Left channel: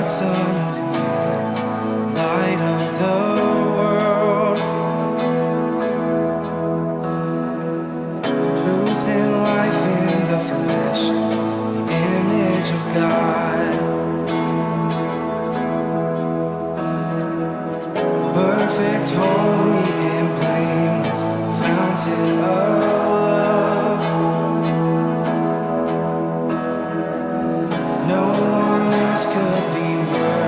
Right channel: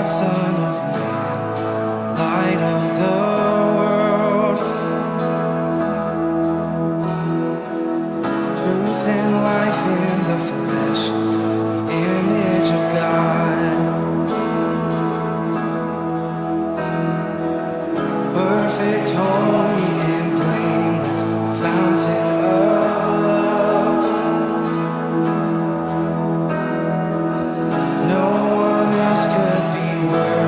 God, Son of Man, light of the world. Truth and life in the flesh, the image of God. Perfect, holy, and blameless, a fountain of love. No one else could be worthy.